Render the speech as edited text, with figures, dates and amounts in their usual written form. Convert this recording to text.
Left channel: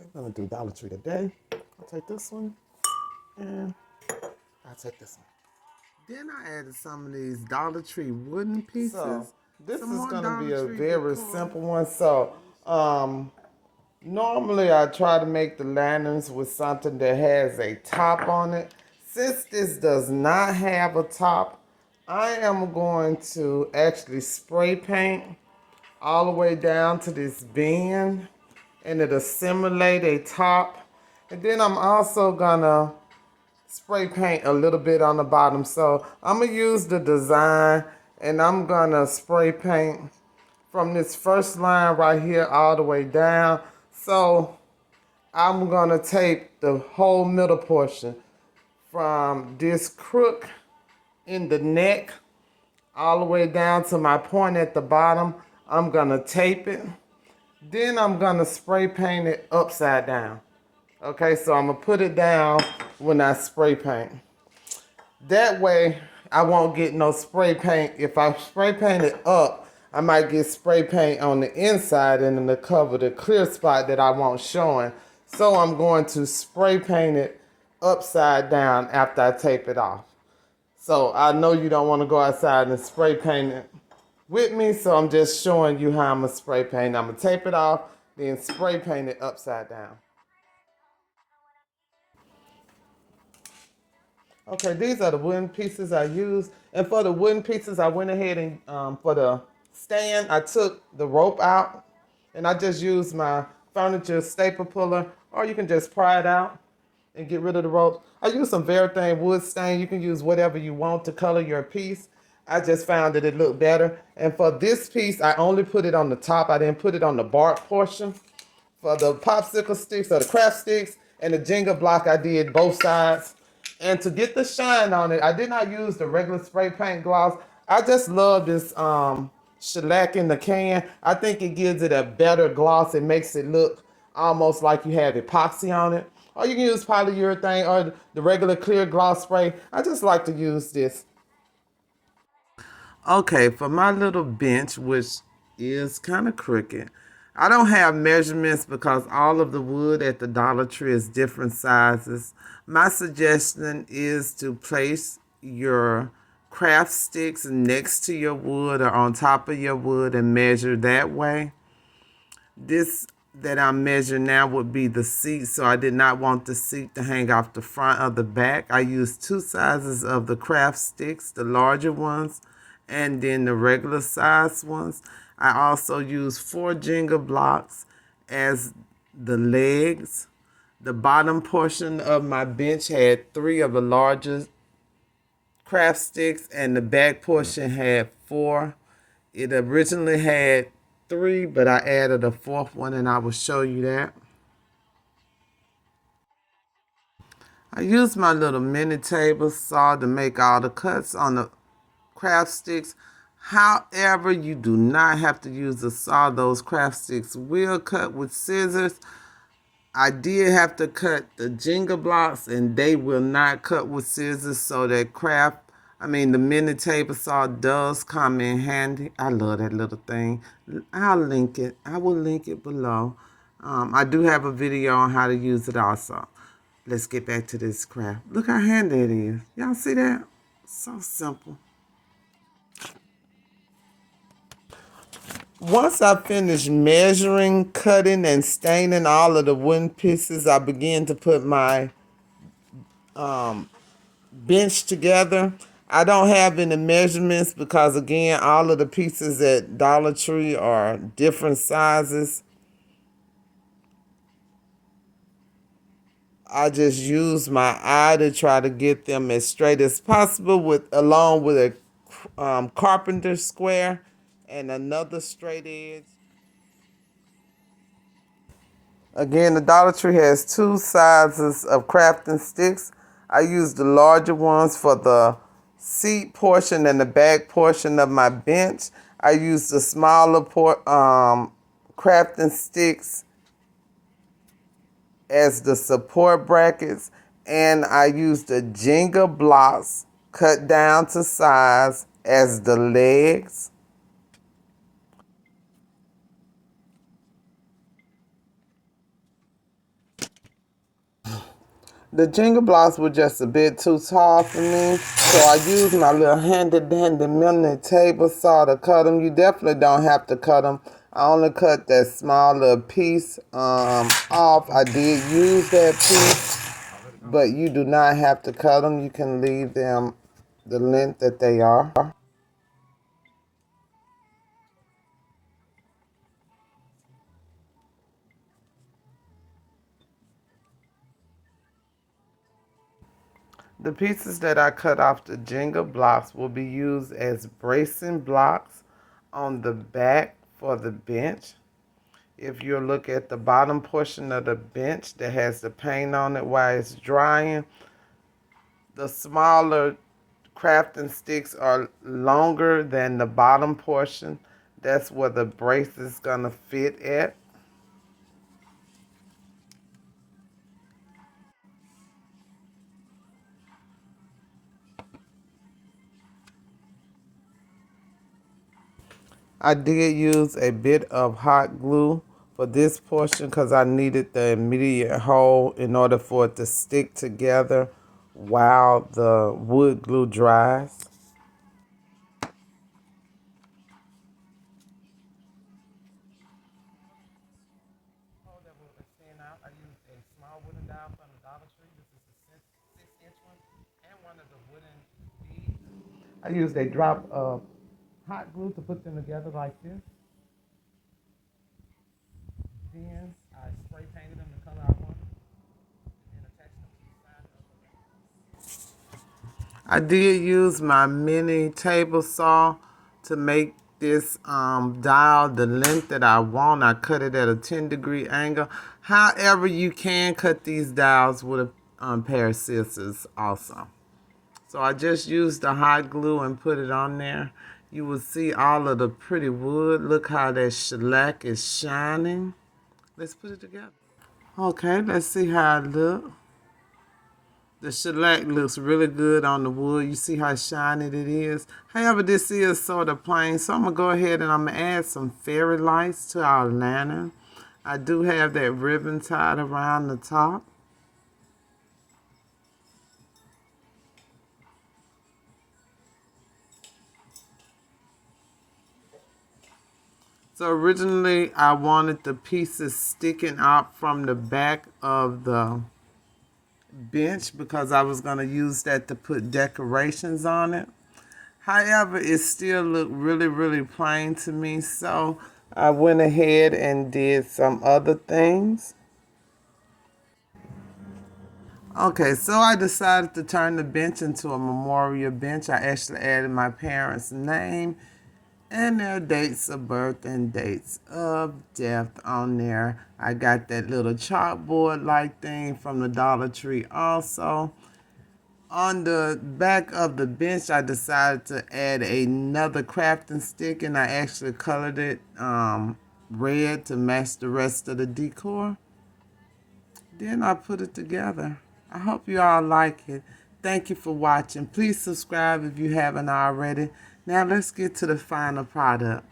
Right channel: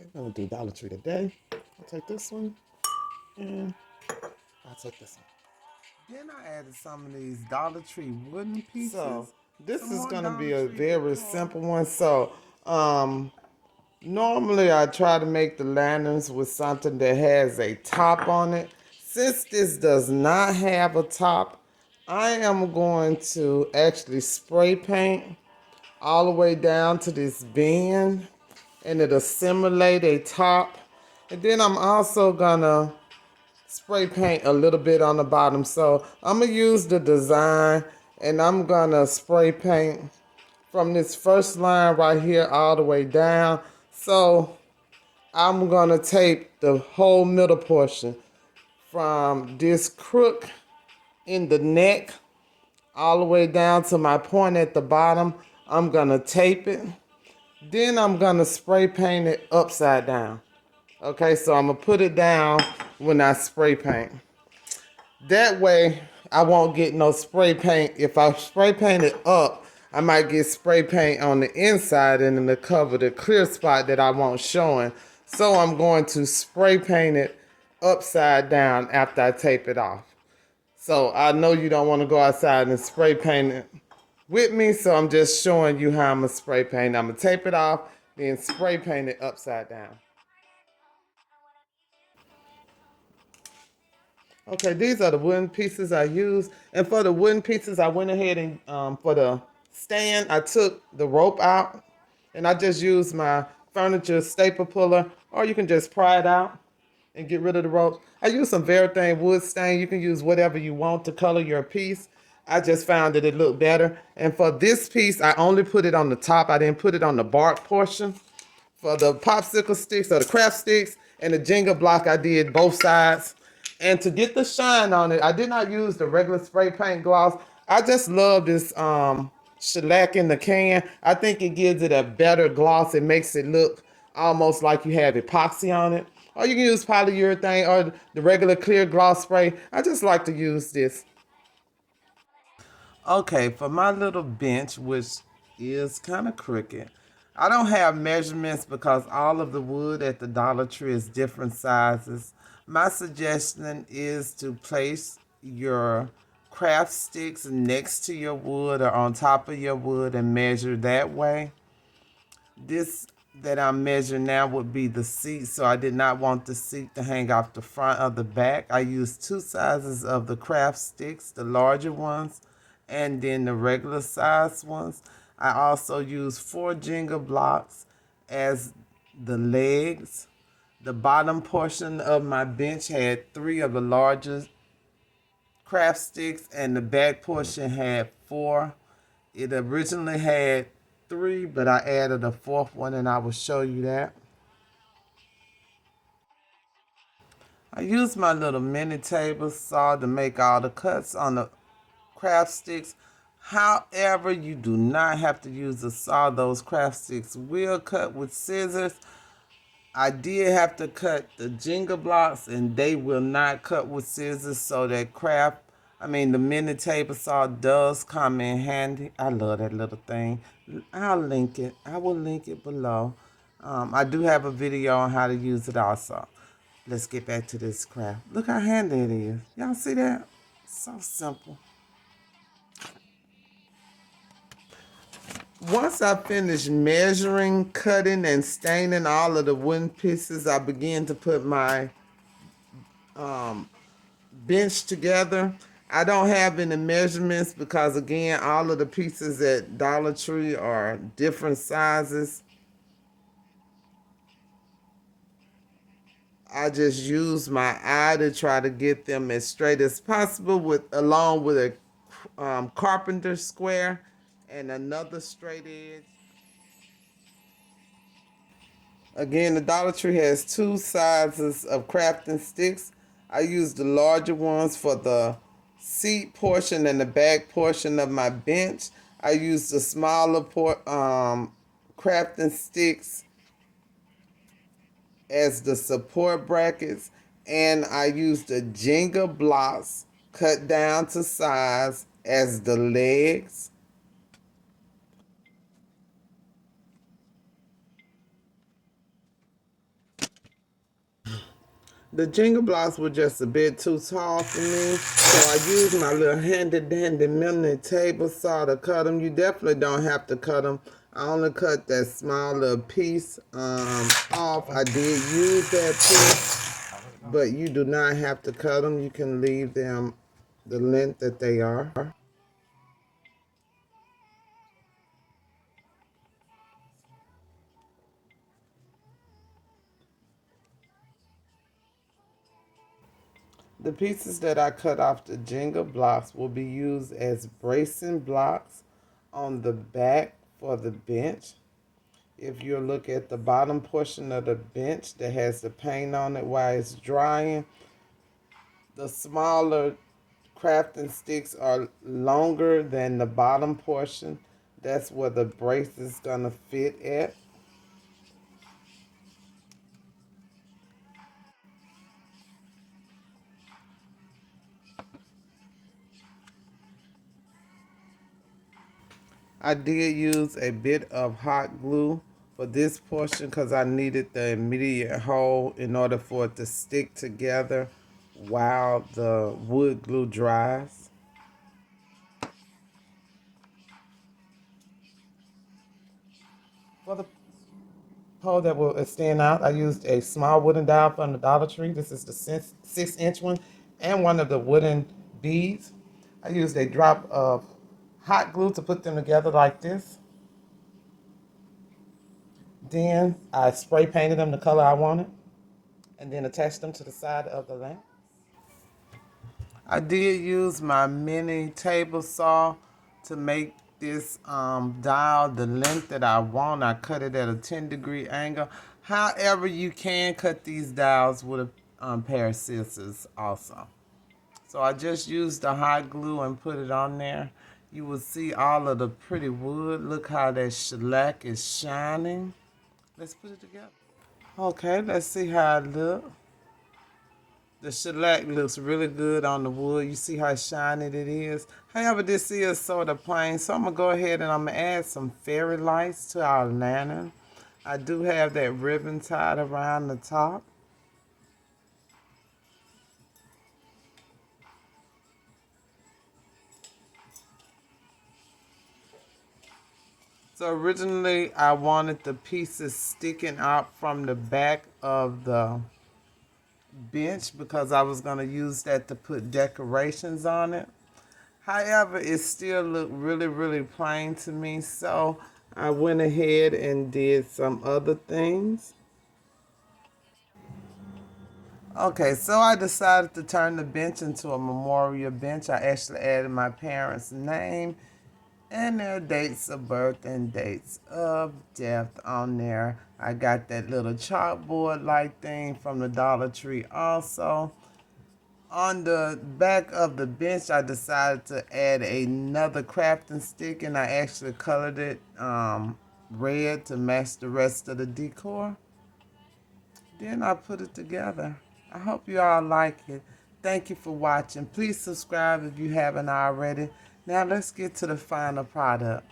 I'm gonna do Dollar Tree today. I'll take this one and I'll take this one. Then I added some of these Dollar Tree wooden pieces. So this is gonna be a very simple one. So normally I try to make the lanterns with something that has a top on it. Since this does not have a top, I am going to actually spray paint all the way down to this bend, and it'll simulate a top. And then I'm also gonna spray paint a little bit on the bottom. So I'm gonna use the design, and I'm gonna spray paint from this first line right here all the way down. So I'm gonna tape the whole middle portion from this crook in the neck all the way down to my point at the bottom. I'm gonna tape it. Then I'm gonna spray paint it upside down. Okay, so I'm gonna put it down when I spray paint. That way I won't get no spray paint. If I spray paint it up, I might get spray paint on the inside and then to cover the clear spot that I want showing. So I'm going to spray paint it upside down after I tape it off. So I know you don't want to go outside and spray paint it with me, so I'm just showing you how I'm going to spray paint. I'm going to tape it off, then spray paint it upside down. Okay, these are the wooden pieces I used. And for the wooden pieces, I went ahead and for the stand, I took the rope out and I just used my furniture staple puller, or you can just pry it out and get rid of the ropes. I used some Veritane wood stain. You can use whatever you want to color your piece. I just found that it looked better. And for this piece, I only put it on the top. I didn't put it on the bark portion. For the popsicle sticks or the craft sticks and the Jenga block, I did both sides. And to get the shine on it, I did not use the regular spray paint gloss. I just love this shellac in the can. I think it gives it a better gloss. It makes it look almost like you have epoxy on it. Or you can use polyurethane or the regular clear gloss spray. I just like to use this. Okay, for my little bench, which is kind of crooked, I don't have measurements because all of the wood at the Dollar Tree is different sizes. My suggestion is to place your craft sticks next to your wood or on top of your wood and measure that way. This that I'm measuring now would be the seat, so I did not want the seat to hang off the front or the back. I used two sizes of the craft sticks, the larger ones, and then the regular size ones. I also used 4 Jenga blocks as the legs. The bottom portion of my bench had 3 of the largest craft sticks, and the back portion had 4. It originally had 3, but I added a 4th one, and I will show you that. I used my little mini table saw to make all the cuts on the craft sticks. However, you do not have to use a saw. Those craft sticks will cut with scissors. I did have to cut the Jenga blocks, and they will not cut with scissors, so that the mini table saw does come in handy. I love that little thing. I'll link it. I will link it below. I do have a video on how to use it also. Let's get back to this craft. Look how handy it is. Y'all see that? So simple. Once I finished measuring, cutting, and staining all of the wooden pieces, I began to put my bench together. I don't have any measurements because, again, all of the pieces at Dollar Tree are different sizes. I just use my eye to try to get them as straight as possible, along with a carpenter square and another straight edge. Again, the Dollar Tree has 2 sizes of crafting sticks. I use the larger ones for the seat portion and the back portion of my bench. I use the smaller crafting sticks as the support brackets, and I use the Jenga blocks cut down to size as the legs. The Jenga blocks were just a bit too tall for me, so I used my little handy-dandy mini table saw to cut them. You definitely don't have to cut them. I only cut that small little piece off. I did use that piece, but you do not have to cut them. You can leave them the length that they are. The pieces that I cut off the Jenga blocks will be used as bracing blocks on the back for the bench. If you look at the bottom portion of the bench that has the paint on it while it's drying, the smaller crafting sticks are longer than the bottom portion. That's where the brace is going to fit at. I did use a bit of hot glue for this portion because I needed the immediate hold in order for it to stick together while the wood glue dries. For the pole that will extend out, I used a small wooden dowel from the Dollar Tree. This is the 6-inch one, and one of the wooden beads. I used a drop of hot glue to put them together like this. Then I spray painted them the color I wanted and then attached them to the side of the lamp. I did use my mini table saw to make this dial the length that I want. I cut it at a 10-degree angle. However, you can cut these dials with a pair of scissors also. So I just used the hot glue and put it on there. You will see all of the pretty wood. Look how that shellac is shining. Let's put it together. Okay, let's see how it looks. The shellac looks really good on the wood. You see how shiny it is. However, this is sort of plain, so I'm going to go ahead and I'm going to add some fairy lights to our lantern. I do have that ribbon tied around the top. So originally, I wanted the pieces sticking out from the back of the bench because I was going to use that to put decorations on it. However, it still looked really, really plain to me, so I went ahead and did some other things. Okay, so I decided to turn the bench into a memorial bench. I actually added my parents' name and their dates of birth and dates of death on there. I got that little chalkboard-like thing from the Dollar Tree also. On the back of the bench, I decided to add another crafting stick, and I actually colored it red to match the rest of the decor. Then I put it together. I hope you all like it. Thank you for watching. Please subscribe if you haven't already. Now let's get to the final product.